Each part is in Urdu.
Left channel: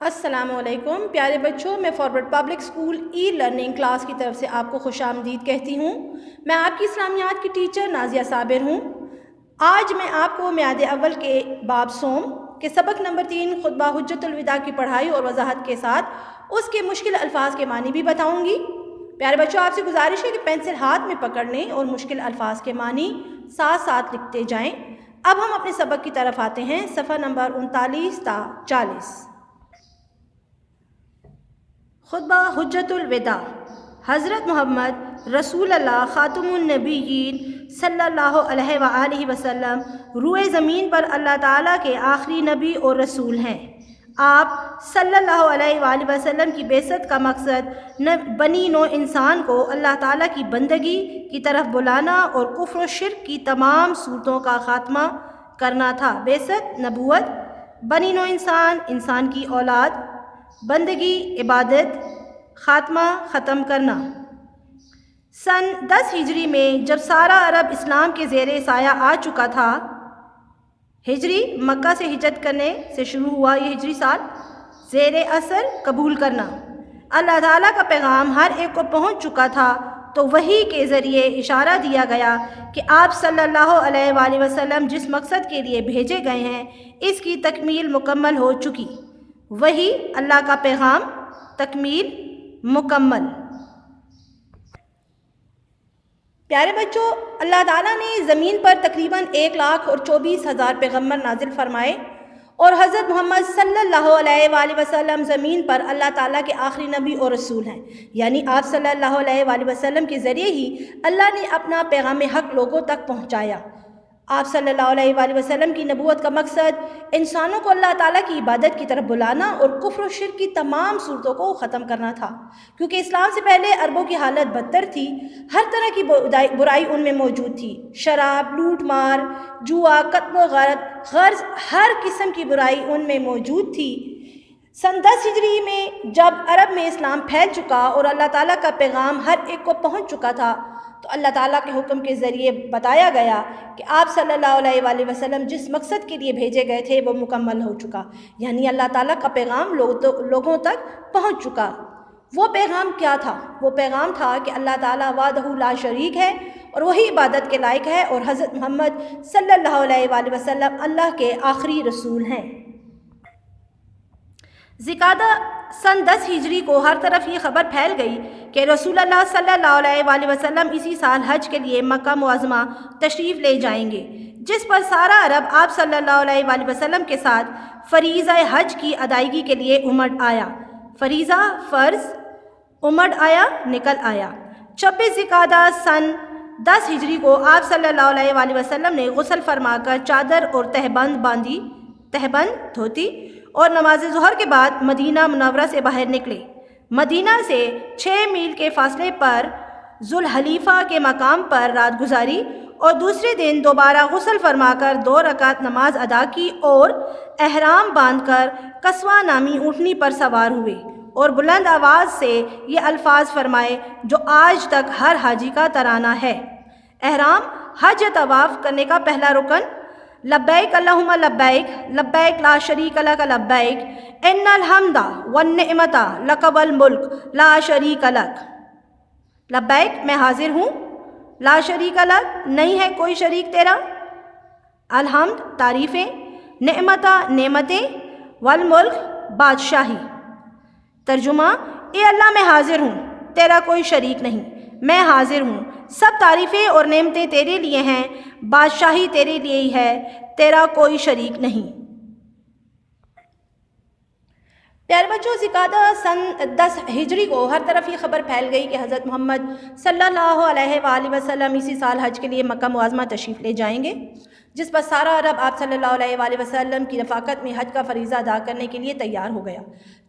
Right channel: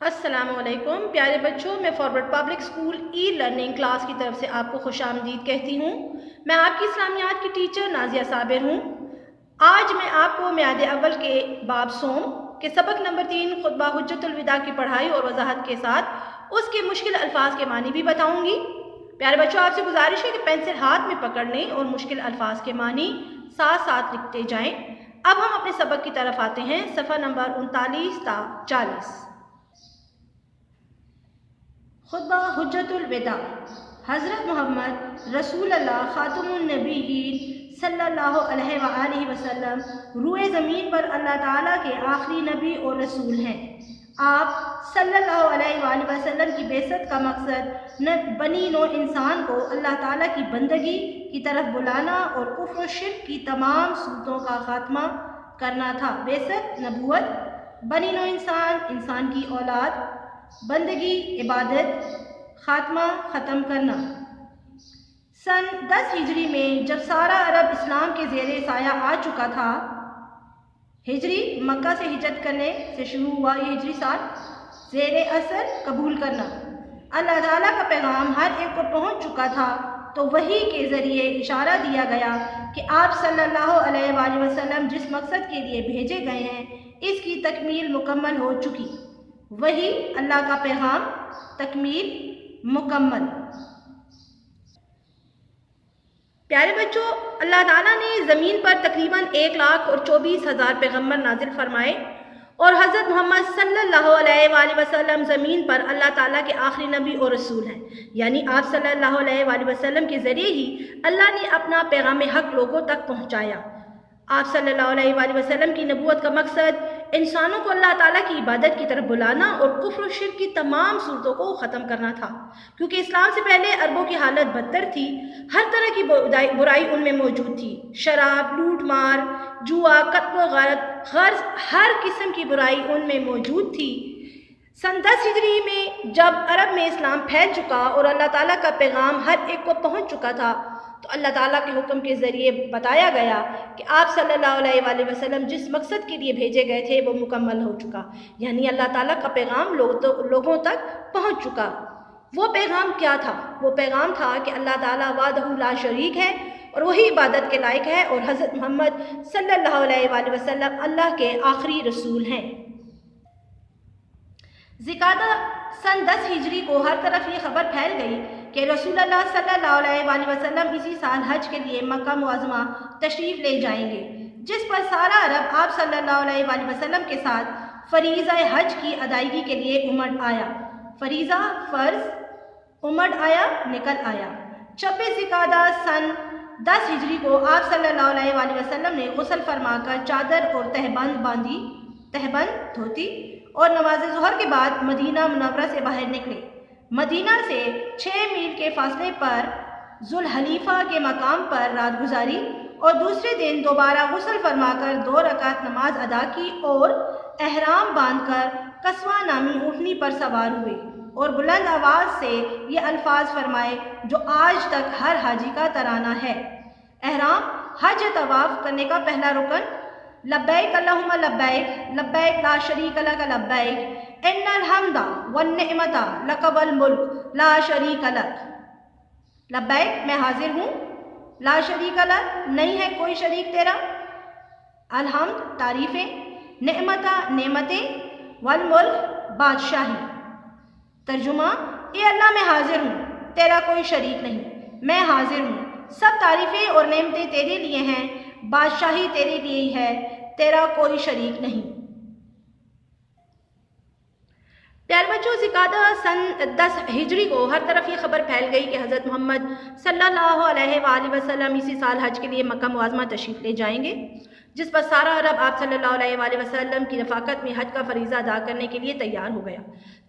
السلام علیکم پیارے بچوں، میں forward public school e learning class کی طرف سے آپ کو خوش آمدید کہتی ہوں۔ میں آپ کی اسلامیات کی ٹیچر نازیہ صابر ہوں۔ آج میں آپ کو میعاد اول کے باب صوم کے سبق نمبر 3 خطبہ حجت الوداع کی پڑھائی اور وضاحت کے ساتھ اس کے مشکل الفاظ کے معنی بھی بتاؤں گی۔ پیارے بچوں، آپ سے گزارش ہے کہ پینسل ہاتھ میں پکڑنے اور مشکل الفاظ کے معنی ساتھ ساتھ لکھتے جائیں۔ اب ہم اپنے سبق کی طرف آتے ہیں، صفحہ نمبر 39 تا 40۔ خطبہ حجت الوداع۔ حضرت محمد رسول اللہ خاتم النبیین صلی اللہ علیہ وآلہ وسلم روئے زمین پر اللہ تعالیٰ کے آخری نبی اور رسول ہیں۔ آپ صلی اللہ علیہ وآلہ وسلم کی بعثت کا مقصد بنی نوع انسان کو اللہ تعالیٰ کی بندگی کی طرف بلانا اور کفر و شرک کی تمام صورتوں کا خاتمہ کرنا تھا۔ بعثت، نبوت، بنی نوع انسان، انسان کی اولاد، بندگی، عبادت، خاتمہ، ختم کرنا۔ سن 10 ہجری میں جب سارا عرب اسلام کے زیر سایہ آ چکا تھا، ہجری مکہ سے ہجرت کرنے سے شروع ہوا، یہ ہجری سال، زیر اثر قبول کرنا، اللہ تعالیٰ کا پیغام ہر ایک کو پہنچ چکا تھا، تو وحی کے ذریعے اشارہ دیا گیا کہ آپ صلی اللہ علیہ وآلہ وسلم جس مقصد کے لیے بھیجے گئے ہیں اس کی تکمیل مکمل ہو چکی۔ وحی، اللہ کا پیغام، تکمیل، مکمل۔ پیارے بچوں، اللہ تعالیٰ نے زمین پر تقریباً 1,24,000 پیغمبر نازل فرمائے اور حضرت محمد صلی اللہ علیہ وآلہ وسلم زمین پر اللہ تعالیٰ کے آخری نبی اور رسول ہیں، یعنی آپ صلی اللہ علیہ وآلہ وسلم کے ذریعے ہی اللہ نے اپنا پیغام حق لوگوں تک پہنچایا۔ آپ صلی اللہ علیہ وآلہ وسلم کی نبوت کا مقصد انسانوں کو اللہ تعالیٰ کی عبادت کی طرف بلانا اور کفر و شرک کی تمام صورتوں کو ختم کرنا تھا، کیونکہ اسلام سے پہلے عربوں کی حالت بدتر تھی، ہر طرح کی برائی ان میں موجود تھی، شراب، لوٹ مار، جوا، قتل و غرض ہر قسم کی برائی ان میں موجود تھی۔ سن 10 ہجری میں جب عرب میں اسلام پھیل چکا اور اللہ تعالیٰ کا پیغام ہر ایک کو پہنچ چکا تھا، تو اللہ تعالیٰ کے حکم کے ذریعے بتایا گیا کہ آپ صلی اللہ علیہ وآلہ وسلم جس مقصد کے لیے بھیجے گئے تھے وہ مکمل ہو چکا، یعنی اللہ تعالیٰ کا پیغام لوگوں تک پہنچ چکا۔ وہ پیغام کیا تھا؟ وہ پیغام تھا کہ اللہ تعالیٰ وحدہ لا شریک ہے اور وہی عبادت کے لائق ہے، اور حضرت محمد صلی اللہ علیہ وآلہ وسلم اللہ کے آخری رسول ہیں۔ ذی-قعدہ سن 10 ہجری کو ہر طرف یہ خبر پھیل گئی کہ رسول اللہ صلی اللہ علیہ وآلہ وسلم اسی سال حج کے لیے مکہ معظمہ تشریف لے جائیں گے، جس پر سارا عرب آپ صلی اللہ علیہ وآلہ وسلم کے ساتھ فریضہ حج کی ادائیگی کے لیے امڑ آیا۔ فریضہ، فرض، امڑ آیا، نکل آیا۔ 26 ذی-قعدہ سن 10 ہجری کو آپ صلی اللہ علیہ وآلہ وسلم نے غسل فرما کر چادر اور تہبند باندھی، تہبند دھوتی، اور نماز ظہر کے بعد مدینہ منورہ سے باہر نکلے۔ مدینہ سے 6 میل کے فاصلے پر ذوالحلیفہ کے مقام پر رات گزاری اور دوسرے دن دوبارہ غسل فرما کر 2 رکعت نماز ادا کی اور احرام باندھ کر قصوہ نامی اونٹنی پر سوار ہوئے اور بلند آواز سے یہ الفاظ فرمائے جو آج تک ہر حاجی کا ترانہ ہے۔ احرام، حج یا طواف کرنے کا پہلا رکن: لبیک اللہم لبیک، لبیک لا شریک لک لبیک، ان الحمد والنعمت لک والملک لا شریک لک۔ لبیک، میں حاضر ہوں، لا شریک لک، نہیں ہے کوئی شریک تیرا، الحمد، تعریفیں، نعمت، نعمتیں، والملک، بادشاہی۔ ترجمہ: اے اللہ، میں حاضر ہوں، تیرا کوئی شریک نہیں، میں حاضر ہوں، سب تعریفیں اور نعمتیں تیرے لیے ہیں، بادشاہی تیرے لیے ہی ہے، تیرا کوئی شریک نہیں۔ پیارے بچوں، ذی-قعدہ سن 10 ہجری کو ہر طرف یہ خبر پھیل گئی کہ حضرت محمد صلی اللہ علیہ وآلہ وسلم اسی سال حج کے لیے مکہ معظمہ تشریف لے جائیں گے، جس پر سارا عرب آپ صلی اللہ علیہ وآلہ وسلم کی رفاقت میں حج کا فریضہ ادا کرنے کے لیے تیار ہو گیا۔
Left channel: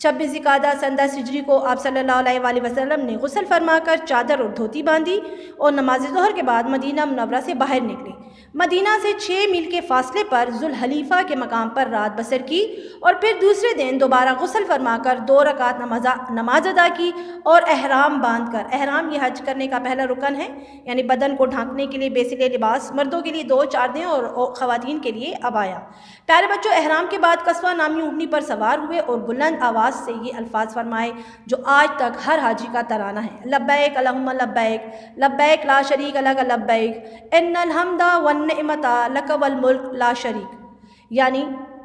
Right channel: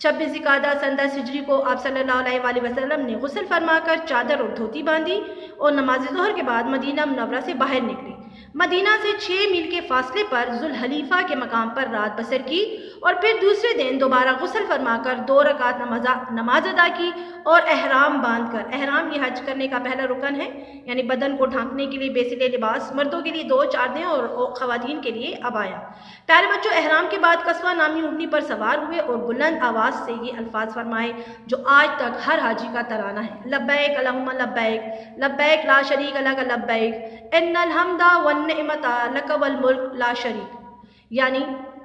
26 ذی-قعدہ سن 10 ہجری کو آپ صلی اللہ علیہ وآلہ وسلم نے غسل فرما کر چادر اور دھوتی باندھی اور نماز ظہر کے بعد مدینہ منورہ سے باہر نکلے۔ مدینہ سے 6 میل کے فاصلے پر ذوالحلیفہ کے مقام پر رات بسر کی اور پھر دوسرے دن دوبارہ غسل فرما کر 2 رکعت نماز ادا کی اور احرام باندھ کر، احرام یہ حج کرنے کا پہلا رکن ہے، یعنی بدن کو ڈھانکنے کے لیے بیسل لباس، مردوں کے لیے 2 چادریں اور خواتین کے لیے عبایا۔ پیارے بچوں، احرام کے بعد قصوہ نامی اونٹنی پر سوار ہوئے اور بلند آواز سے یہ الفاظ فرمائے جو آج تک ہر حاجی کا ترانہ ہے: لبیک اللہم لبیک، لبیک لا شریک لک لبیک، ان الحمد والنعمت لک والملک لا شریک۔ یعنی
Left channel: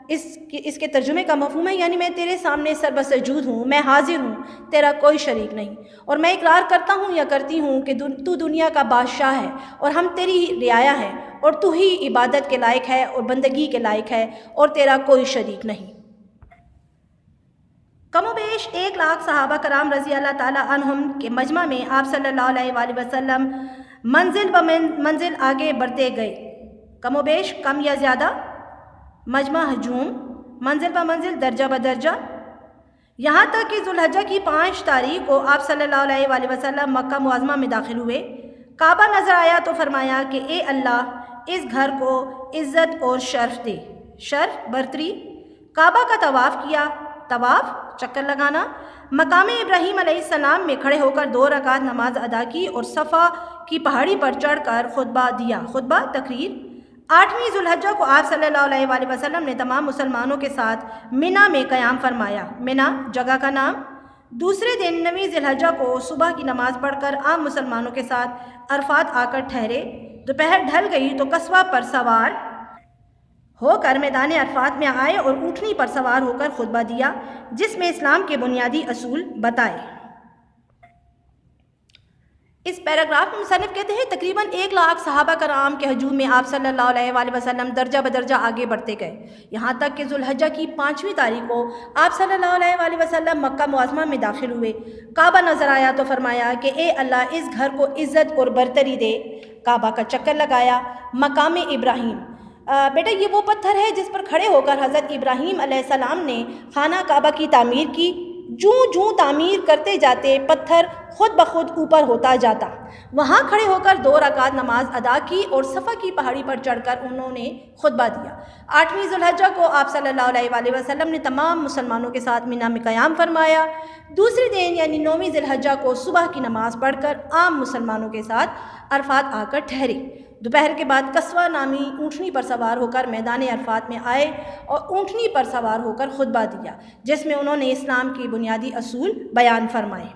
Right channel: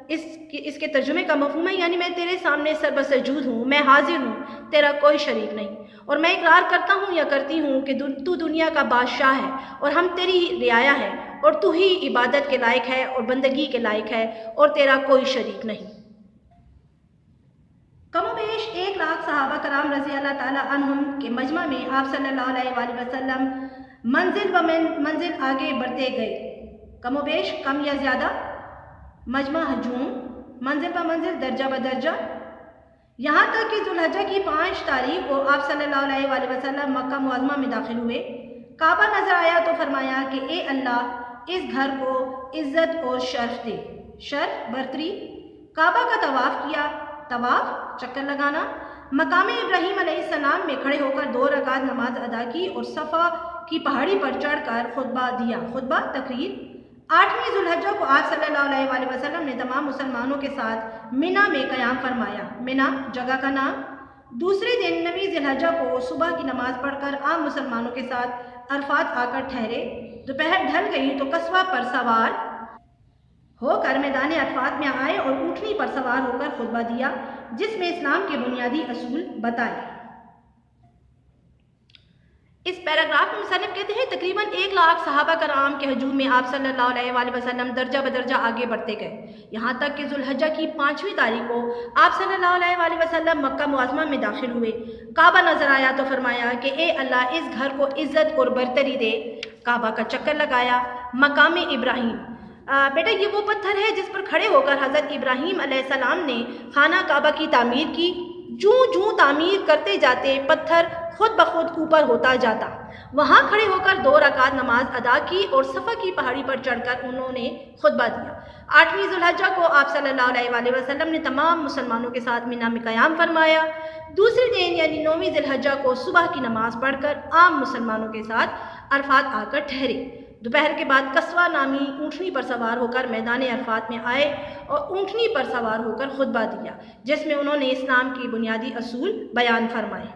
اس کے ترجمے کا مفہوم ہے، یعنی میں تیرے سامنے سربسجود ہوں، میں حاضر ہوں، تیرا کوئی شریک نہیں، اور میں اقرار کرتا ہوں یا کرتی ہوں کہ تو دنیا کا بادشاہ ہے اور ہم تیری ہی رعایا ہیں، اور تو ہی عبادت کے لائق ہے اور بندگی کے لائق ہے، اور تیرا کوئی شریک نہیں۔ کم و بیش 1,00,000 صحابہ کرام رضی اللہ تعالیٰ عنہم کے مجمع میں آپ صلی اللہ علیہ وآلہ وسلم منزل ب منزل آگے بڑھتے گئے۔ کم و بیش، کم یا زیادہ، مجمع ہجوم، منزل ب منزل، درجہ بدرجہ، یہاں تک کہ ذوالحجہ کی 5 تاریخ کو آپ صلی اللہ علیہ وآلہ وسلم مکہ معظمہ میں داخل ہوئے۔ کعبہ نظر آیا تو فرمایا کہ اے اللہ، اس گھر کو عزت اور شرف دے، شرف برتری۔ کعبہ کا طواف کیا، طواف چکر لگانا، مقام ابراہیم علیہ السلام میں کھڑے ہو کر 2 رکعت نماز ادا کی اور صفا کی پہاڑی پر چڑھ کر خطبہ دیا، خطبہ تقریر۔ 8ویں ذوالحجہ کو آپ صلی اللہ علیہ وآلہ وسلم نے تمام مسلمانوں کے ساتھ منا میں قیام فرمایا، منا جگہ کا نام۔ دوسرے دن 9ویں ذوالحجہ کو صبح کی نماز پڑھ کر عام مسلمانوں کے ساتھ عرفات آ کر ٹھہرے۔ دوپہر ڈھل گئی تو قصوہ پر سوار ہو کر میدان عرفات میں آئے اور اونٹنی پر سوار ہو کر خطبہ دیا، جس میں اسلام کے بنیادی اصول بتائے۔ اس پیراگراف میں مصنف کہتے ہیں تقریباً 1,00,000 صحابہ کرام کے ہجوم میں آپ صلی اللہ علیہ وآلہ وسلم درجہ بدرجہ آگے بڑھتے گئے، یہاں تک کہ ذوالحجہ کی 5ویں تاریخ کو آپ صلی اللہ علیہ وآلہ وسلم مکہ معظمہ میں داخل ہوئے۔ کعبہ نظر آیا تو فرمایا کہ اے اللہ، اس گھر کو عزت اور برتری دے۔ کعبہ کا چکر لگایا، مقام ابراہیم، بیٹا یہ وہ پتھر ہے جس پر کھڑے ہو کر حضرت ابراہیم علیہ السلام نے خانہ کعبہ کی تعمیر کی۔ جوں جوں تعمیر کرتے جاتے پتھر خود بخود اوپر ہوتا جاتا۔ وہاں کھڑے ہو کر 2 رکعت نماز ادا کی اور صفا کی پہاڑی پر چڑھ کر انہوں نے خطبہ دیا۔ 8ویں ذوالحجہ کو آپ صلی اللہ علیہ وآلہ وسلم نے تمام مسلمانوں کے ساتھ منا میں قیام فرمایا۔ دوسرے دن یعنی 9ویں ذوالحجہ کو صبح کی نماز پڑھ کر عام مسلمانوں کے ساتھ عرفات آ کر ٹھہرے۔ دوپہر کے بعد قصوہ نامی اونٹنی پر سوار ہو کر میدان عرفات میں آئے اور اونٹنی پر سوار ہو کر خطبہ دیا، جس میں انہوں نے اسلام کی بنیادی اصول بیان فرمائے۔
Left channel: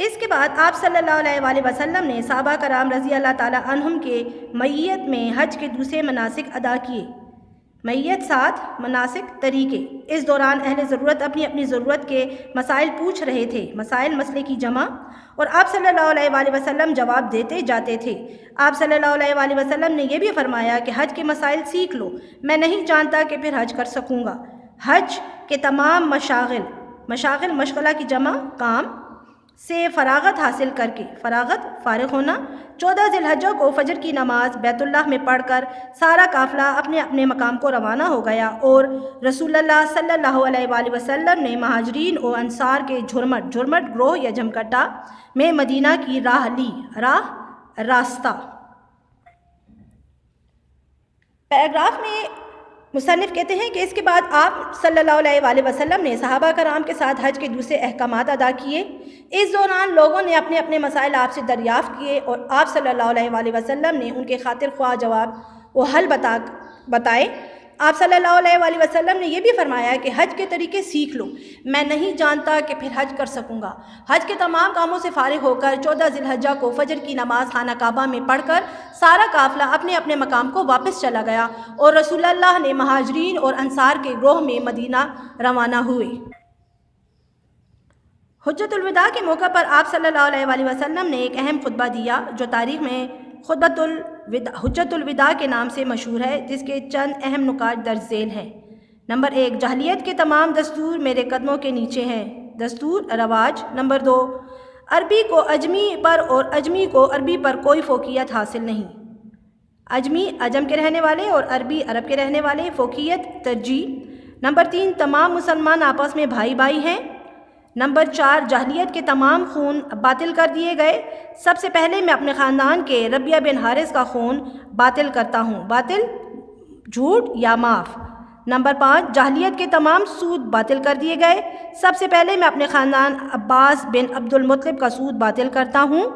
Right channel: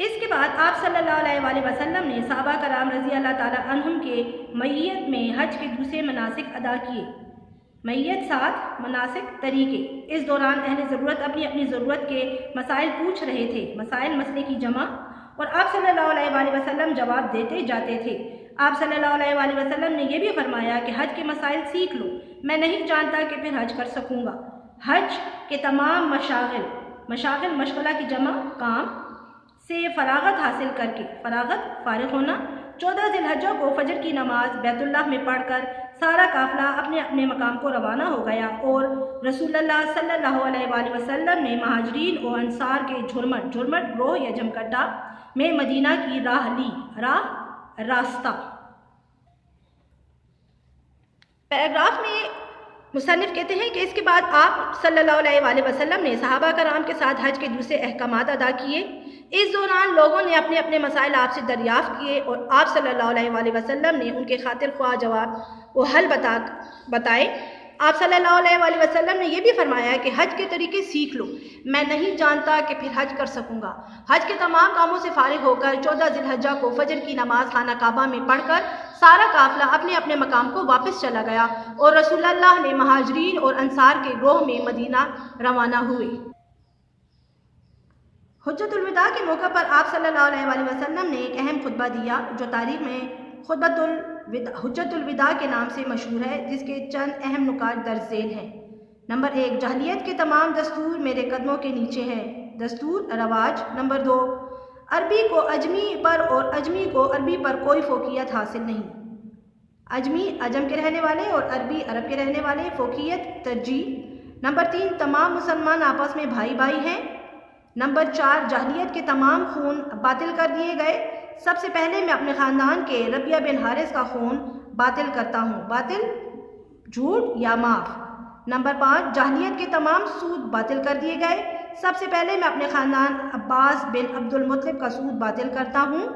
اس کے بعد آپ صلی اللہ علیہ وآلہ وسلم نے صحابہ کرام رضی اللہ تعالیٰ عنہم کے معیت میں حج کے دوسرے مناسک ادا کیے۔ معیت 7 مناسک طریقے۔ اس دوران اہل ضرورت اپنی اپنی ضرورت کے مسائل پوچھ رہے تھے، مسائل مسئلے کی جمع، اور آپ صلی اللہ علیہ وآلہ وسلم جواب دیتے جاتے تھے۔ آپ صلی اللہ علیہ وآلہ وسلم نے یہ بھی فرمایا کہ حج کے مسائل سیکھ لو، میں نہیں جانتا کہ پھر حج کر سکوں گا۔ حج کے تمام مشاغل مشغلہ کی جمع کام سے فراغت حاصل کر کے، فراغت فارغ ہونا۔ 14 ذوالحجہ کو فجر کی نماز بیت اللہ میں پڑھ کر سارا قافلہ اپنے اپنے مقام کو روانہ ہو گیا اور رسول اللہ صلی اللہ علیہ وآلہ وسلم نے مہاجرین اور انصار کے جھرمٹ گروہ یا جمکٹا میں مدینہ کی راہ لی، راستہ۔ پیراگراف میں مصنف کہتے ہیں کہ اس کے بعد آپ صلی اللہ علیہ وآلہ وسلم نے صحابہ کرام کے ساتھ حج کے دوسرے احکامات ادا کیے۔ اس دوران لوگوں نے اپنے اپنے مسائل آپ سے دریافت کیے اور آپ صلی اللہ علیہ وآلہ وسلم نے ان کے خاطر خواہ جواب و حل بتائے۔ آپ صلی اللہ علیہ وآلہ وسلم نے یہ بھی فرمایا کہ حج کے طریقے سیکھ لو، میں نہیں جانتا کہ پھر حج کر سکوں گا۔ حج کے تمام کاموں سے فارغ ہو کر 14 ذوالحجہ کو فجر کی نماز خانہ کعبہ میں پڑھ کر سارا قافلہ اپنے اپنے مقام کو واپس چلا گیا اور رسول اللہ نے مہاجرین اور انصار کے گروہ میں مدینہ روانہ ہوئے۔ حجۃ الوداع کے موقع پر آپ صلی اللہ علیہ وآلہ وسلم نے ایک اہم خطبہ دیا جو تاریخ میں حجۃ الوداع کے نام سے مشہور ہے، جس کے چند اہم نکات درج ذیل ہیں۔ نمبر 1، جاہلیت کے تمام دستور میرے قدموں کے نیچے ہیں، دستور رواج۔ نمبر 2، عربی کو اجمی پر اور اجمی کو عربی پر کوئی فوقیت حاصل نہیں، اجمی عجم کے رہنے والے اور عربی عرب کے رہنے والے، فوقیت ترجیح۔ نمبر 3، تمام مسلمان آپس میں بھائی بھائی ہیں۔ نمبر 4، جاہلیت کے تمام خون باطل کر دیے گئے، سب سے پہلے میں اپنے خاندان کے ربیہ بن حارث کا خون باطل کرتا ہوں، باطل جھوٹ یا معاف۔ نمبر 5، جاہلیت کے تمام سود باطل کر دیے گئے، سب سے پہلے میں اپنے خاندان عباس بن عبد المطلب کا سود باطل کرتا ہوں۔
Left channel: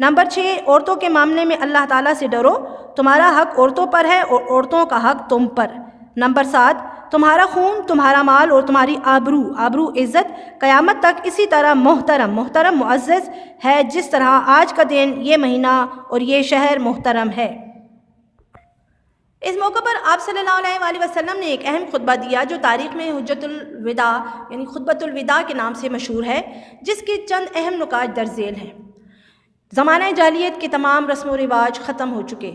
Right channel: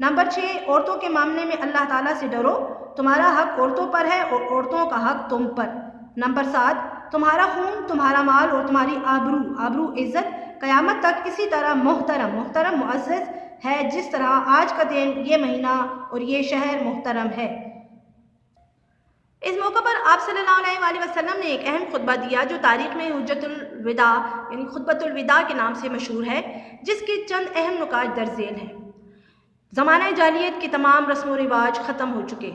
نمبر 6، عورتوں کے معاملے میں اللہ تعالیٰ سے ڈرو تمہارا حق عورتوں پر ہے اور عورتوں کا حق تم پر۔ نمبر 7، تمہارا خون، تمہارا مال اور تمہاری آبرو عزت قیامت تک اسی طرح محترم معزز ہے جس طرح آج کا دن، یہ مہینہ اور یہ شہر محترم ہے۔ اس موقع پر آپ صلی اللہ علیہ وآلہ وسلم نے ایک اہم خطبہ دیا جو تاریخ میں حجت الوداع یعنی خطبۃ الوداع کے نام سے مشہور ہے، جس کے چند اہم نکات درج ذیل ہیں۔ زمانہ جاہلیت کے تمام رسم و رواج ختم ہو چکے،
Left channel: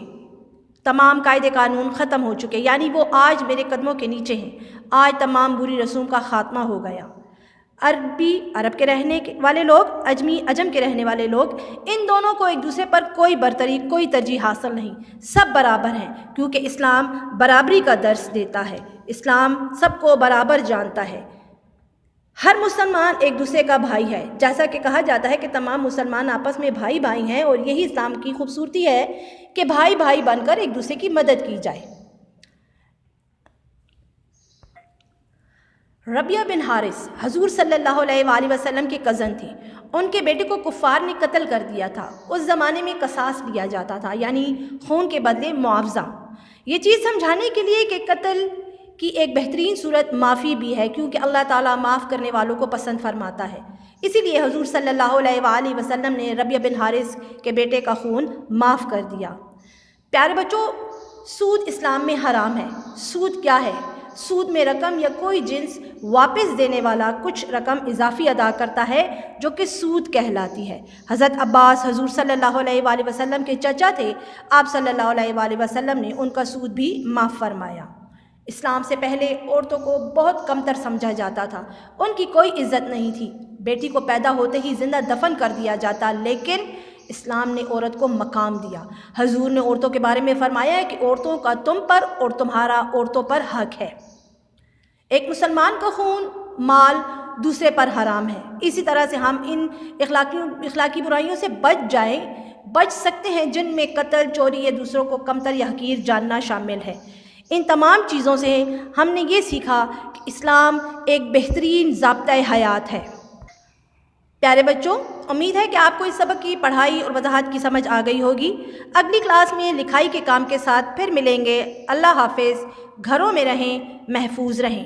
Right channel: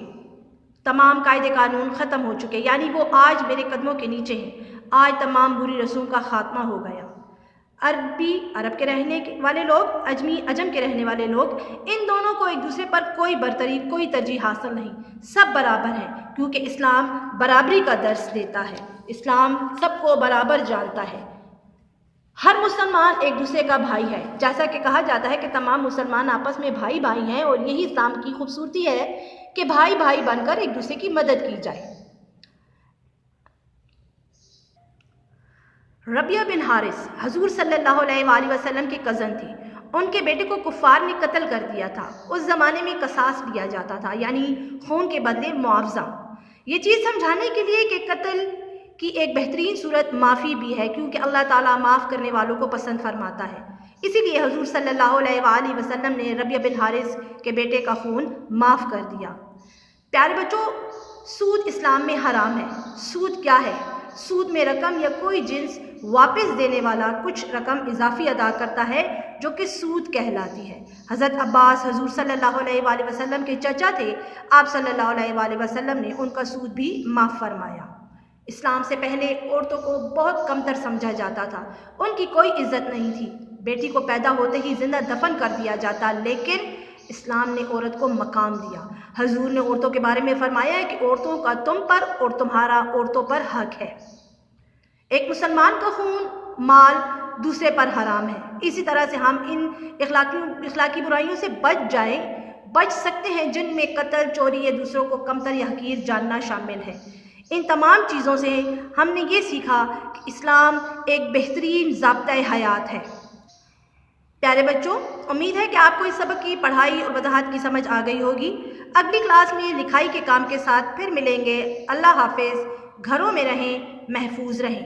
تمام قاعدے قانون ختم ہو چکے، یعنی وہ آج میرے قدموں کے نیچے ہیں۔ آج تمام بری رسوم کا خاتمہ ہو گیا۔ عرب کے رہنے والے لوگ، عجم کے رہنے والے لوگ، ان دونوں کو ایک دوسرے پر کوئی برتری، کوئی ترجیح حاصل نہیں، سب برابر ہیں، کیونکہ اسلام برابری کا درس دیتا ہے۔ اسلام سب کو برابر جانتا ہے۔ ہر مسلمان ایک دوسرے کا بھائی ہے، جیسا کہ کہا جاتا ہے کہ تمام مسلمان آپس میں بھائی ہیں، اور یہی اسلام کی خوبصورتی ہے کہ بھائی بن کر ایک دوسرے کی مدد کی جائے۔ ربیہ بن حارث حضور صلی اللہ علیہ وآلہ وسلم کے کزن تھی۔ ان کے بیٹے کو کفار نے قتل کر دیا تھا۔ اس زمانے میں قصاص لیا جاتا تھا، یعنی خون کے بدلے معاوضہ۔ یہ چیز سمجھانے کے لیے کہ قتل کی ایک بہترین صورت معافی بھی ہے، کیونکہ اللہ تعالیٰ معاف کرنے والوں کو پسند فرماتا ہے۔ اسی لیے حضور صلی اللہ علیہ وآلہ وسلم نے ربیہ بن حارث کے بیٹے کا خون معاف کر دیا۔ پیارے بچوں، سود اسلام میں حرام ہے۔ سود کیا ہے؟ سود میں رقم یا کوئی جنس واپس دینے والا کچھ رقم اضافی ادا کرتا ہے، جو کہ سود کہلاتی ہے۔ حضرت عباس حضور صلی اللہ علیہ وآلہ وسلم کے چچا تھے۔ آپ صلی اللہ علیہ وآلہ وسلم نے ان کا سود بھی معاف فرمایا۔ اسلام سے پہلے عورتوں کو بہت کمتر سمجھا جاتا تھا، ان کی کوئی عزت نہیں تھی۔ بیٹی کو پیدا ہوتے ہی زندہ دفن کر دیا جاتا، لیکن اسلام نے عورت کو مقام دیا۔ حضور نے عورتوں کے بارے میں فرمایا ہے کہ عورتوں کا تم پر اور تمہارا عورتوں پر حق ہے۔ ایک مسلمان کا خون، مال دوسرے پر حرام ہے۔ اسی طرح سے ہم ان اخلاقی برائیوں سے بچ سکتے ہیں، جن میں قتل، چوری یا دوسروں کو کمتر یا حقیر جاننا شامل ہے۔ ان تمام چیزوں سے ہم نے یہ سیکھا کہ اسلام ایک بہترین ضابطۂ حیات ہے۔ پیارے بچوں، امید ہے کہ آپ کو اس سبق کی پڑھائی اور وضاحت کی سمجھ آ گئی ہوگی۔ اگلی کلاس میں لکھائی کے کام کے ساتھ پھر ملیں گے۔ اللہ حافظ۔ گھروں میں رہیں، محفوظ رہیں۔